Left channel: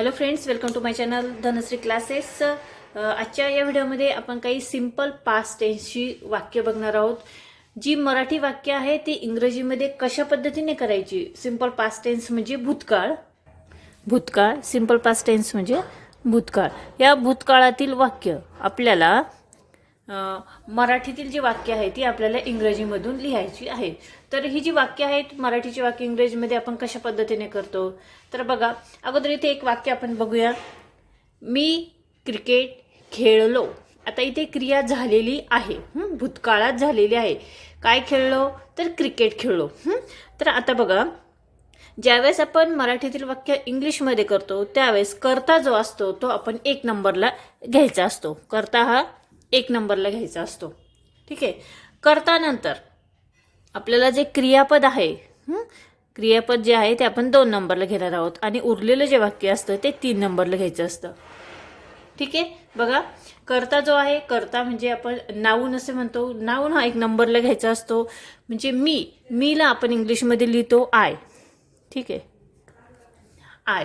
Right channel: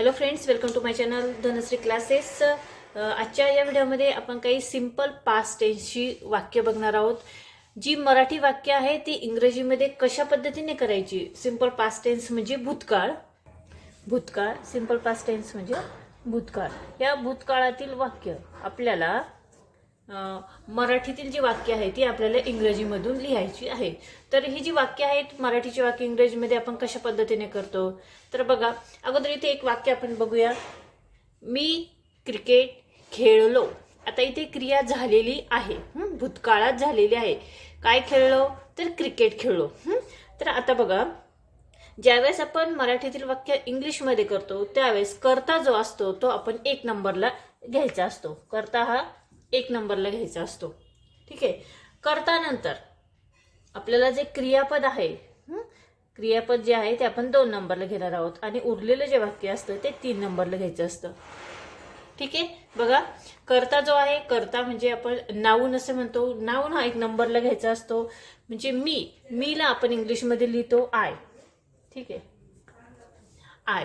Hello friends, welcome to my channel Dhanashri classes. आजच्या या व्हिडिओमध्ये आपण काही सिंपल पास्ट टेन्सची वाक्य बघणार आहोत. जी मराठी वाक्य आहे ती इंग्रजीमध्ये कशा पद्धतीने करायची. सिंपल पास्ट टेन्स म्हणजे भूतकाळ, भूतकाळ सिंपल पास्ट टेन्स म्हणजे भूतकाळ. या भूतकाळातील वाक्य आपल्याला मराठीतील जी वाक्य आहे ती आपल्याला इंग्रजीमधून लिहायची आहे. तर ही जी वाक्य आहेत मराठीची वाक्य इंग्रजीमध्ये आपण कशा पद्धतीने करतो तर बघा, अगोदर इथे एक वाक्य आपण बघूया. मी क्रिकेट खेळलो. आता इथे क्रिया झालेली आहे, भूतकाळात झालेली आहे. काय खेळलो तर क्रिकेट खेळलो. तर आता बघा, ज्यावेळेस आपण मराठीतील वाक्य इंग्लिशमध्ये करतो त्यावेळेस कर्ता जो असतो तो आपण 1 नंबरला घ्यायचा असतो. कर्ता हा 1 नंबरला घ्यायचा असतो. ठीक आहे. कर्ता नंतर आपल्याला जे क्रियापद आहे, क्रियापद जे आहे ते आपण 2 नंबरला घेणार आहोत आणि उरलेलं जे वाक्य असतं ते 3 नंबरला घ्यायचं असतं. ठीक आहे. बघा, कर्ता जो आहे, कर्ता म्हणजे आपण नाऊन असे म्हणतो. नाऊन हा 1 नंबरला घ्यायचा असतो. म्हणजे मीला आपण इंग्लिशमध्ये लिहितो आय. ठीक आहे, आय.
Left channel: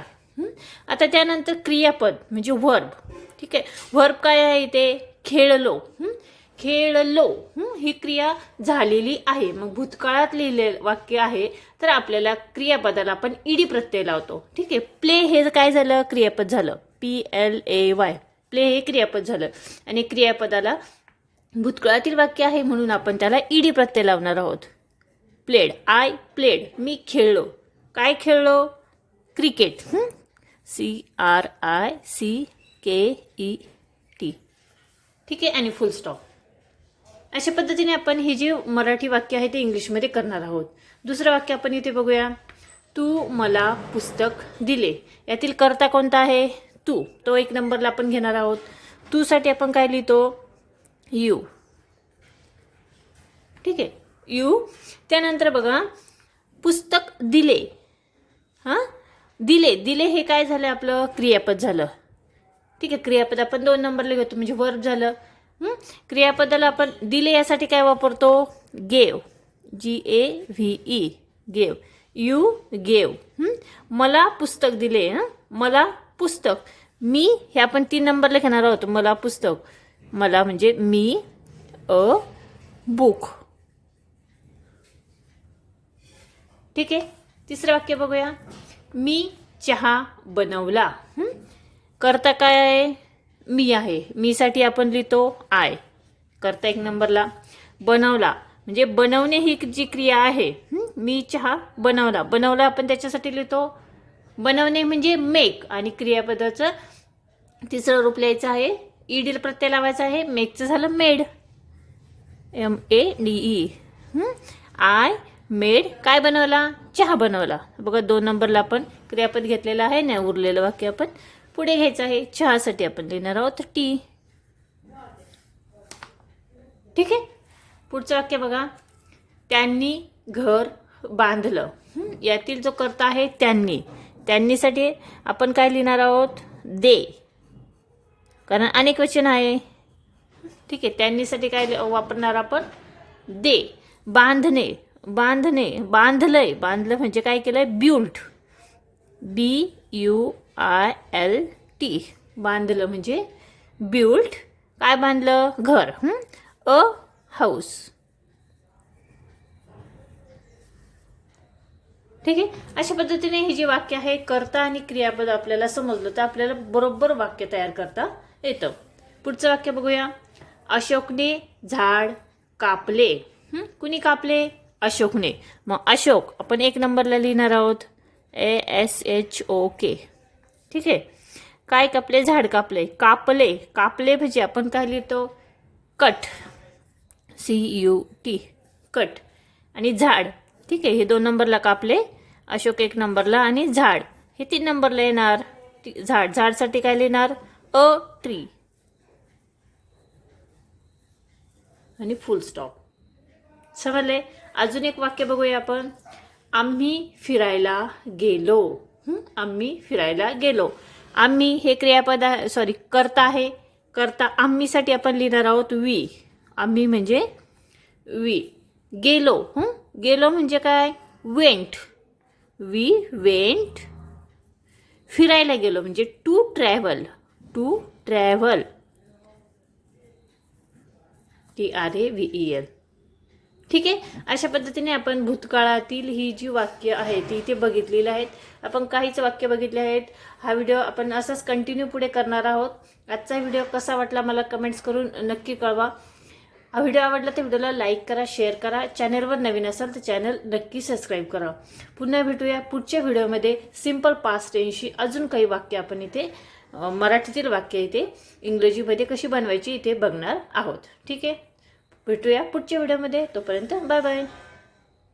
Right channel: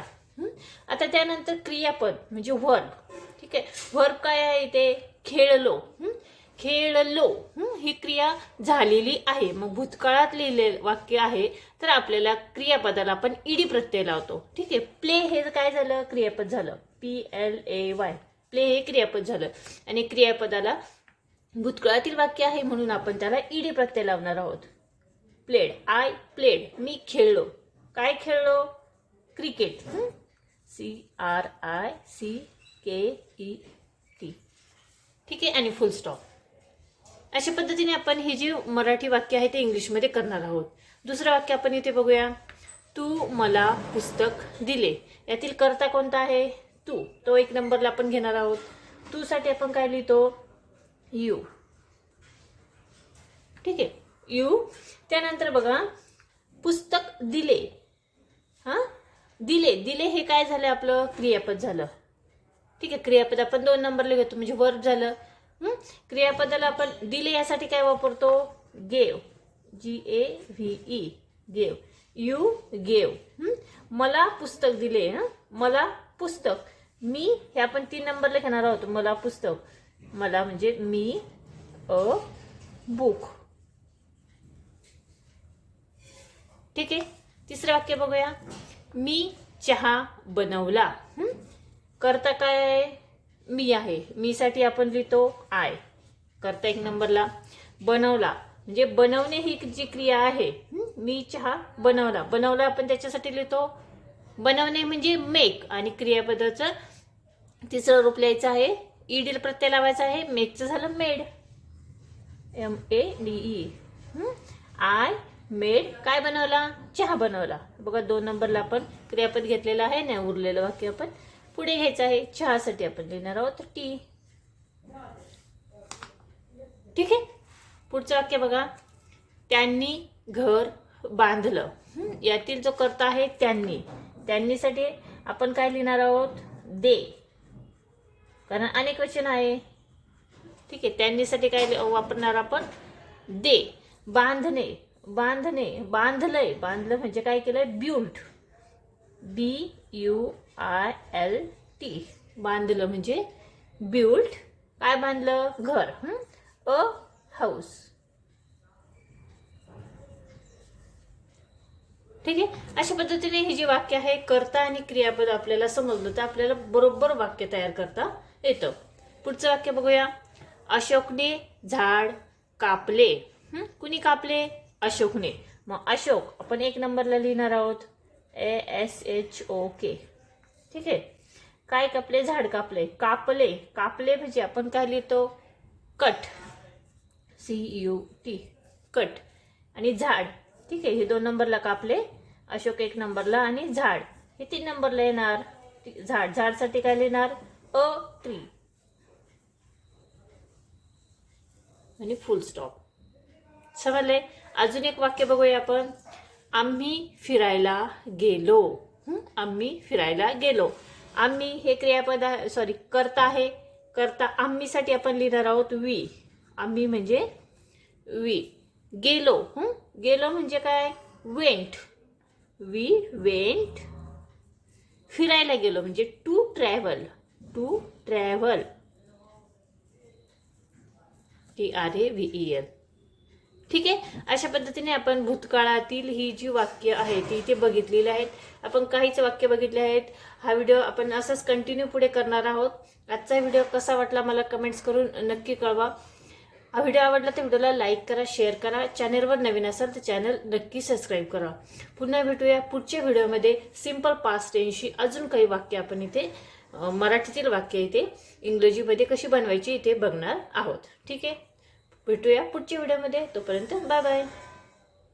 आता त्यानंतर क्रियापद म्हणजे वर्ब. ठीक आहे. वर्ब काय आहे इथे खेळलो. खेळलो ही क्रिया झालेली आहे. मग भूतकाळात लिहिले वाक्य आहे तर आपल्याला क्रियापदाला आपण ईडी प्रत्यय लावतो. ठीक आहे. प्ले हे काय झालं, क्रियापद झालं. PLAY, प्ले हे क्रियापद झालं आणि क्रियापदाला भूतकाळातील वाक्य आहे म्हणून आपण त्याला ईडी प्रत्यय लावणार आहोत. प्लेड, आय प्लेड, मी खेळलो. काय खेळलो, क्रिकेट. CRICKET. ठीक आहे, आणि फुल स्टॉप. अशा पद्धतीने आपण ही जी मराठी वाक्य आहे ते इंग्लिशमध्ये करणार आहोत. दुसरं वाक्य आपण इथे बघूया. तू मला पुस्तक दिले. यातील कर्ता कोणता आहे, तू. तो 1 नंबरला आपण घेणार आहोत. तू साठी आपण काय लिहितो, यू. ठीक आहे, यू. त्यानंतर बघा, पुस्तक दिले. दिले, दिले हे काय झालं, आपलं क्रियापद झालं. ठीक आहे. क्रियापद आपण 2 नंबरला घेतो म्हणजे वर्ब झालं. क्रियापदाला आपण दिले यासाठी काय वापरतो, gave. GAVE, gave. You gave. मला पुस्तक दिले. मला पुस्तक. मी हे आपण 3 नंबरला घेणार आहोत. मला पुस्तक, मला म्हणजे मी, अ बुक. ठीक आहे. तिसरं वाक्य बघूया. मी चहा बनवला. कर्ता काय आहे, मी आहे. मी साठी आपण लिहितो आय. कर्ता 1 नंबरला. बनवला म्हणजे बनवणे ही जी क्रिया आहे. मी चहा बनवला. बनवला आपण त्याच्यासाठी लिहितो बनवणे म्हणजे मेक आणि क्रियापदाचं तिसरं रूप लिहायचं आहे. ईडी प्रत्यय लावायचा आहे. मेकचं झालं मेड. MADE. I made. काय बनवला, चहा बनवला. बघा 2 नंबरला आपण क्रियापद घेतलेला आहे ना. उरलेलं वाक्य आपण पुढे घ्यायचं आहे. चहासाठी आपण लिहिणार आहोत टी. ठीक आहे. पुढचं वाक्य बघा. त्यांनी घर बांधलं. यातील जो कर्ता आहे त्यांनी. त्यांनीसाठी आपण काय लिहिणार आहोत, दे. कारण अनेक वचन आहे. ठीक आहे. त्यांनीसाठी काय वापरणार आपण, दे. बांधणे, बांधणे, बांधलंय. बांधलं म्हणजे काय केलंय, ब्युल्ट. BUILT. बांधलं म्हणजे ब्युल्ट. काय बांधलं, घर. अ हाऊस. ठीक आहे. अशा पद्धतीने ही जी वाक्य आहे, कर्ता आणि क्रियापद आपल्याला समजलं तर आपल्याला बरोबर वाक्य तयार करता येतं. पुढचं वाक्य बघूया. अशोकने झाड कापले. कुणी कापले, अशोकने. मग अशोक आपण 1 नंबरला लिहिणार आहोत ASHOK. ठीक आहे. काय कापले, झाड कापले. कापले, कापले म्हणजे आपण काय लिहितो, कट. CUT, cut. आणि झाड. ठीक आहे. हे 2 नंबरला कापले, अशोक 1 नंबरला आणि झाड हे 3 नंबरला येणार. झाड, झाडसाठी काय लिहिणार, अ ट्री आणि फुल स्टॉप. समजले. अजून एक वाक्य बघूया आपण. आम्ही फिरायला गेलो. आम्ही फिरायला गेलो. आम्ही हे क्रियापद सॉरी कर्ता आहे. कर्ता आम्हीसाठी आपण लिहिणार आहोत वी. आम्ही म्हणजे वी. गेलो. गेलो म्हणजे काय, वेंट. We went. फिरायला गेलो म्हणजे to travel. To travel, TRAVEL. ठीक आहे. अशा पद्धतीने आपण भूतकाळातील ही जी वाक्य आहे ती इथे बघितलेली आहेत. आपण काहीच वाक्य बघितले आहेत. हा व्हिडिओ आपण असाच कंटिन्यू पुढे करणार आहोत. आजचा व्हिडिओ कसा वाटला मला कमेंट्स करून नक्की कळवा. हा व्हिडिओ आवडला तर व्हिडिओला लाईक करा, शेअर करा. चॅनलवर नवीन असाल तर चॅनल नक्की सबस्क्राईब करा. पुन्हा भेटूया पुढच्या व्हिडिओमध्ये सिंपल पास्ट टेन्सची अजून काही वाक्य आपण इथे मराठीतील वाक्य इथे इंग्रजीमध्ये कशी बनवायची इथे बघणार आहोत. ठीक आहे. भेटूया पुढच्या व्हिडिओमध्ये. तोपर्यंत बाय बाय.